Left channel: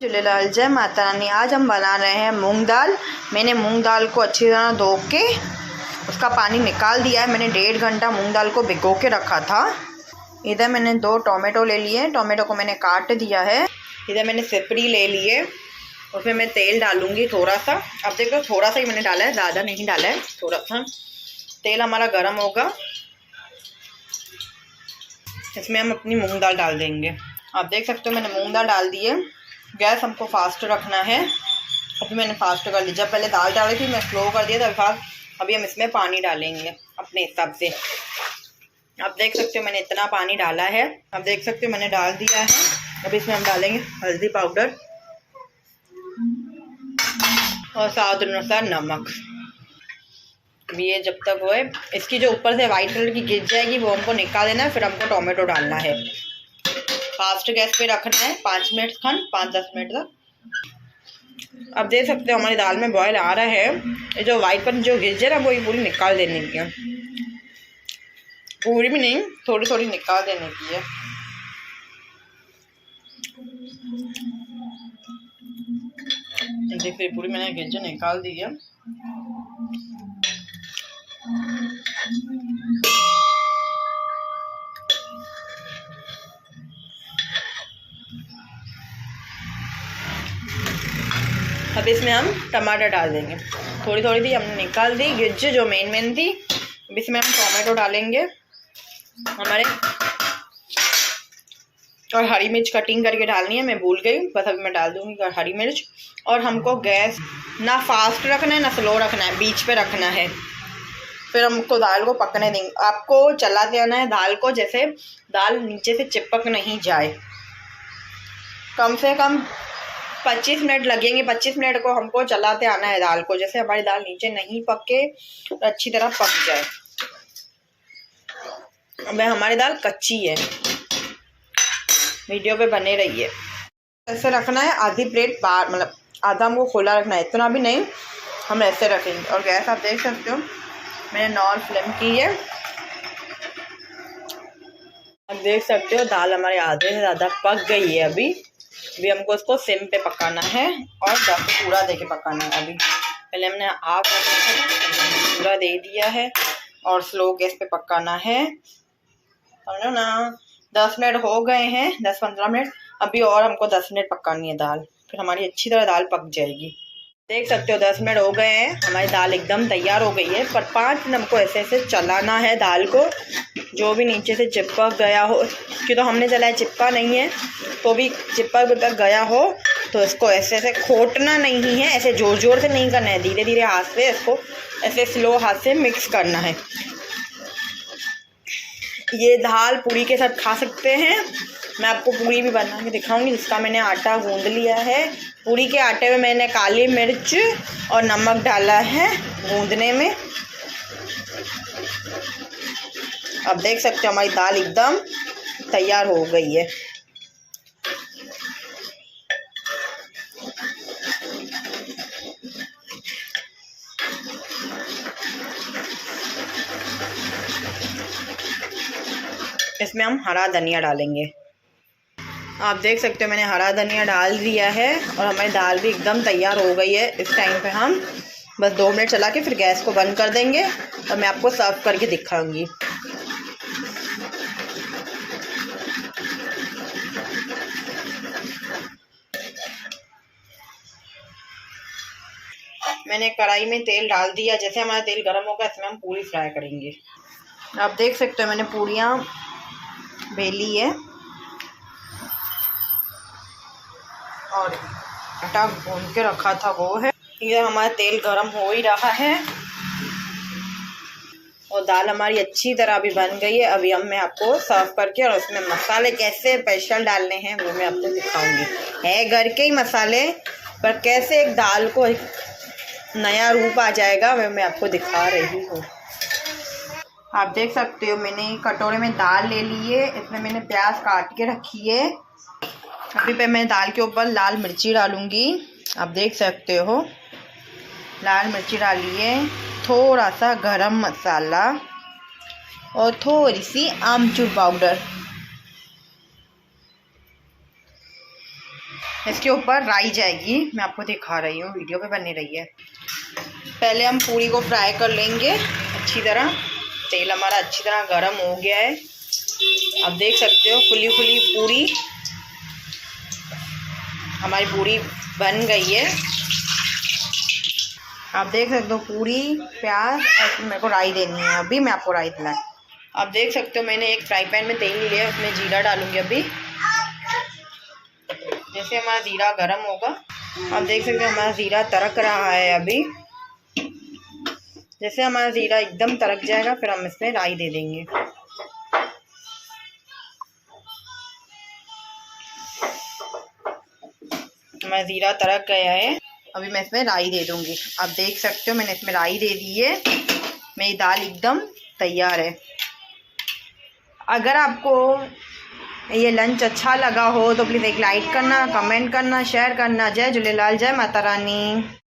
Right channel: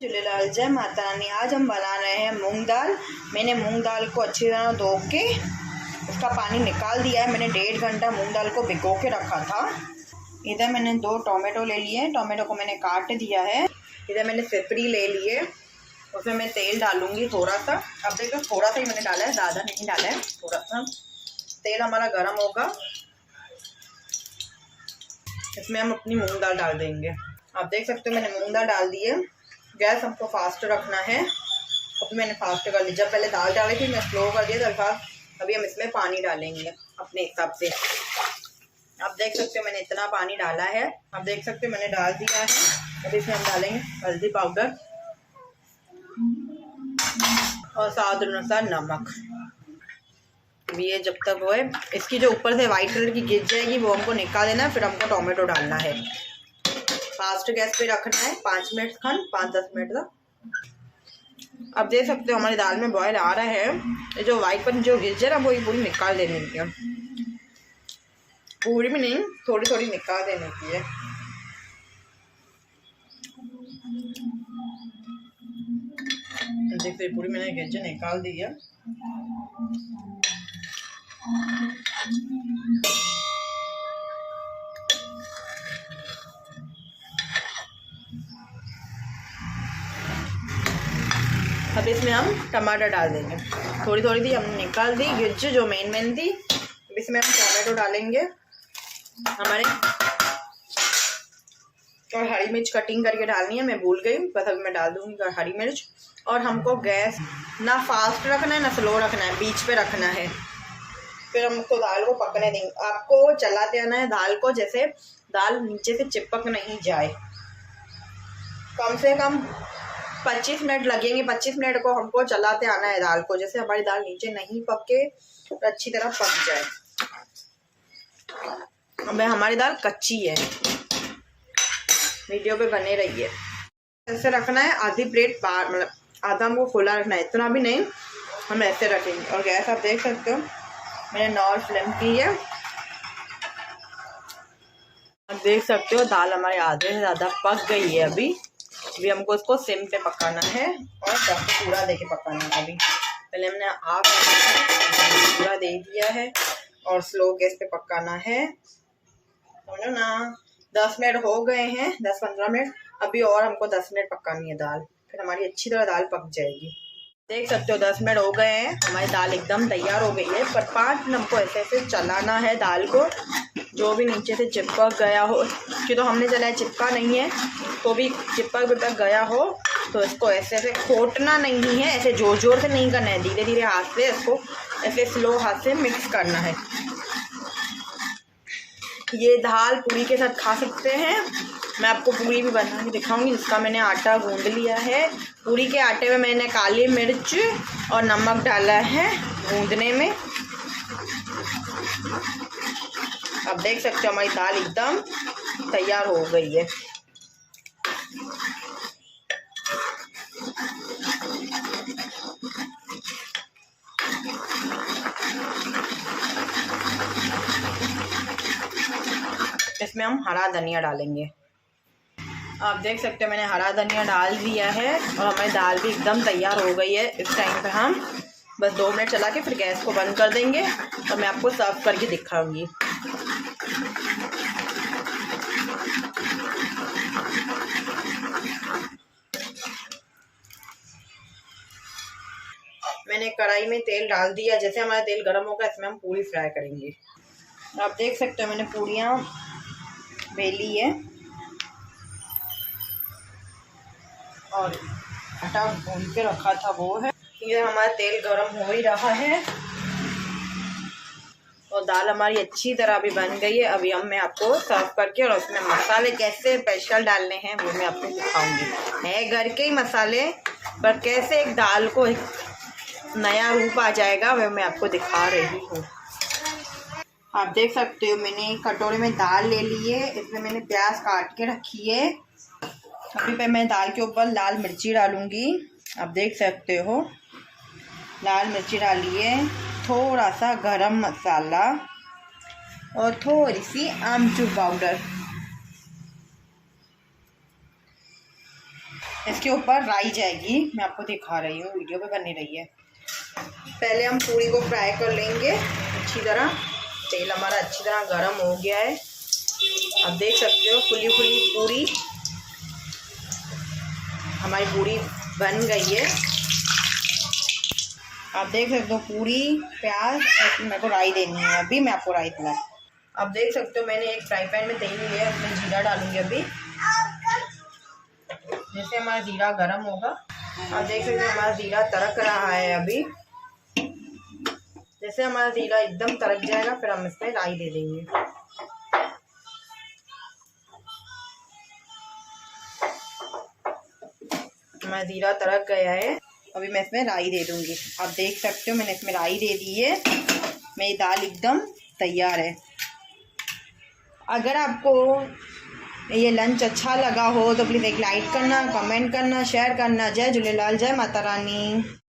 झूलेलाल, जय माता रानी। आज हम बना रहे हैं मूंग दाल। मैंने मूंग दाल को अच्छी तरह धो के उसका पानी निकाल दिया है। मैंने 1.5 घंटा मूंग दाल को भिगो के रखा था। इधर मैंने 2 टोमेटो ले लिए। टोमेटो को मैंने काट दिया है। इधर मैंने सिपरी ले लिए। उसमें मैं तेल डालूंगी थोड़ा सा। अब देखो थोड़ा सा ही मैंने डाला है, ज़्यादा नहीं डाला है, थोड़ा सा। तेल हमारा गर्म होगा, इसमें हम अपनी मूंग दाल डाल देंगे। आप देख सकते हो मैंने मूंग दाल डाल दी है। गैस हमको फास्ट रखना है। अभी मैंने फास्ट कर ली। जब पहले दाल डाली थी मैं स्लो कर दिया था फास्ट। अभी हम इसमें पानी डालेंगे अपने हिसाब से। आप देख सकते हो मैंने इतना पानी डाला है। आप देख सकते हो मैंने डाल दिया है। अभी इसमें हम डालेंगे हल्दी पाउडर और स्वाद अनुसार नमक। अभी ये जब तक वो है, इसकी जो ऊपर से वाइट कलर की गिर जाएगी वो हमको निकाल देना है। फिर हमको टोमेटो डालना है। फास्ट गैस पे रखना है 5 मिनट खन, 5-10 मिनट तक। अब देख सकते हो हमारी दाल में बॉयल आ रहा है। ये जो वाइट पर जो गिर जाए ना वो ये पूरी निकाल देने की है। पूरी भी नहीं, थोड़ी थोड़ी निकाल देने की है। देखिए पूरी मैंने गिर निकाल दी है। अब इसमें हम टमाटर डाल देंगे। थोड़ी थोड़ी थी हमने निकाल दी गिज्ज जो मेन थी। अब इसमें हम टमाटो डालेंगे हमारे, और हरी मिर्च कटिंग करके डालनी है, मैं भूल गई, बस अभी मैं डाल दूंगी हरी मिर्च। और हमको गैस ना फास्ट रखना है ना स्लो रखना है, बीच पे रखना है। फिर हमको दाल को पकने देंगे। आपको चलाते आना है दाल को, जैसे दाल नीचे से चिपक नहीं जाए। कम से कम 25 मिनट लगेंगे। 25 मिनट को हमको चलाते आना है दाल को, जैसे हमारी दाल नीचे नहीं पके तो अच्छी तरह पक जाए। अब हमारी दाल कच्ची है। वीडियो पे बने रहिए। ऐसे रखना है, आधी प्लेट बाहर, मतलब आधा हमको खोला रखना है, इतना भी नहीं, हम ऐसे रखेंगे। और गैस आप देख सकते हो मैंने नॉर्मल फ्लेम की है। अब देख सकते हो दाल हमारे आधे से ज़्यादा पक गई है। अभी हमको उसको सिम पे पकाना है और पूरा दे के पकाना है। अभी पहले हमने आग पूरा दे दिया है और स्लो गैस पे पकाना है, समझो ना। 10 मिनट हो गए हैं, 10-15 मिनट। अभी और हमको 10 मिनट पकानी है दाल, फिर हमारी अच्छी तरह दाल पक जाएगी। देख सकते हो 10 मिनट हो गए हैं, हमारी दाल एकदम तैयार हो गई है। पर 5 मिनट हमको ऐसे ऐसे चलाना है दाल को, जो भी नीचे से चिपक गया हो, कि तो हमने चलाया चिपका नहीं है, तो भी चिपक गया हो तो इसको ऐसे ऐसे खोटना नहीं है, ऐसे जोर जोर से नहीं करना है, धीरे धीरे हाथ से इसको ऐसे स्लो हाथ से मिक्स करना है। ये दाल पूरी के साथ खा सकते हैं। मैं आपको पूरी भी बना के दिखाऊंगी, जिसका मैंने आटा गूंद लिया है। पूरी के आटे में मैंने काली मिर्च और नमक डाला है गूंदने में। अब देख सकते हो हमारी दाल एकदम तैयार हो गई है। इसमें हम हरा धनिया डालेंगे। आप देख सकते हो मैंने हरा धनिया डाल दिया है और हमारी दाल भी एकदम तैयार हो गई है। इस टाइम पे हम बस 2 मिनट चला के फिर गैस को बंद कर देंगे और मैं आपको सर्व करके दिखाऊंगी। मैंने कढ़ाई में तेल डाल दिया। जैसे हमारा तेल गर्म होगा इसमें हम पूरी फ्राई करेंगे। आप देख सकते हो मैंने पूरियाँ बेली है और आटा भून के रखा था वो है। ये हमारा तेल गरम हो ही रहा है और दाल हमारी अच्छी तरह अभी बन गई है। अभी मैं आपको सर्व करके और उसमें मसाले कैसे स्पेशल डालने हैं वो मैं आपको दिखाऊंगी। है घर के ही मसाले, पर कैसे एक दाल को एक नया रूप आ जाएगा वो मैं आपको दिखा रही हूँ। आप देख सकते हो मैंने कटोरे में दाल ले ली है। इसमें मैंने प्याज काट के रखी है। अभी पे मैं दाल के ऊपर लाल मिर्ची डालूंगी। आप देख सकते हो लाल मिर्ची डाली है, थोड़ा सा गरम मसाला और थोड़ी सी आमचूर पाउडर। इसके ऊपर राई जाएगी, मैं आपको दिखा रही हूँ, वीडियो पे बनी रही है। पहले हम पूरी को फ्राई कर लेंगे अच्छी तरह। तेल हमारा अच्छी तरह गर्म हो गया है। आप देख सकते हो फुली फुली पूरी हमारी पूरी बन गई है। आप देख सकते हो पूरी प्याज, मेरे को राई देनी है, अभी मैं आपको राई दिला। आप देख सकते हो मैंने एक फ्राई पैन में तेल लिया है, उसमें जीरा डालूंगी अभी। जैसे हमारा जीरा गर्म होगा, आप देख सकते हो हमारा जीरा तड़क रहा है अभी। जैसे हमारा जीरा एकदम तड़क जाएगा फिर हम इसमें राई दे देंगे। हमारा जीरा तड़क गया है, अभी मैं इसमें राई दे दूंगी। आप देख सकते हो मैंने इसमें राई दे दी है। मेरी दाल एकदम तैयार है। अगर आपको ये लंच अच्छा लगा हो तो प्लीज़ एक लाइक करना, कमेंट करना, शेयर करना। जय झूलेलाल, जय माता रानी।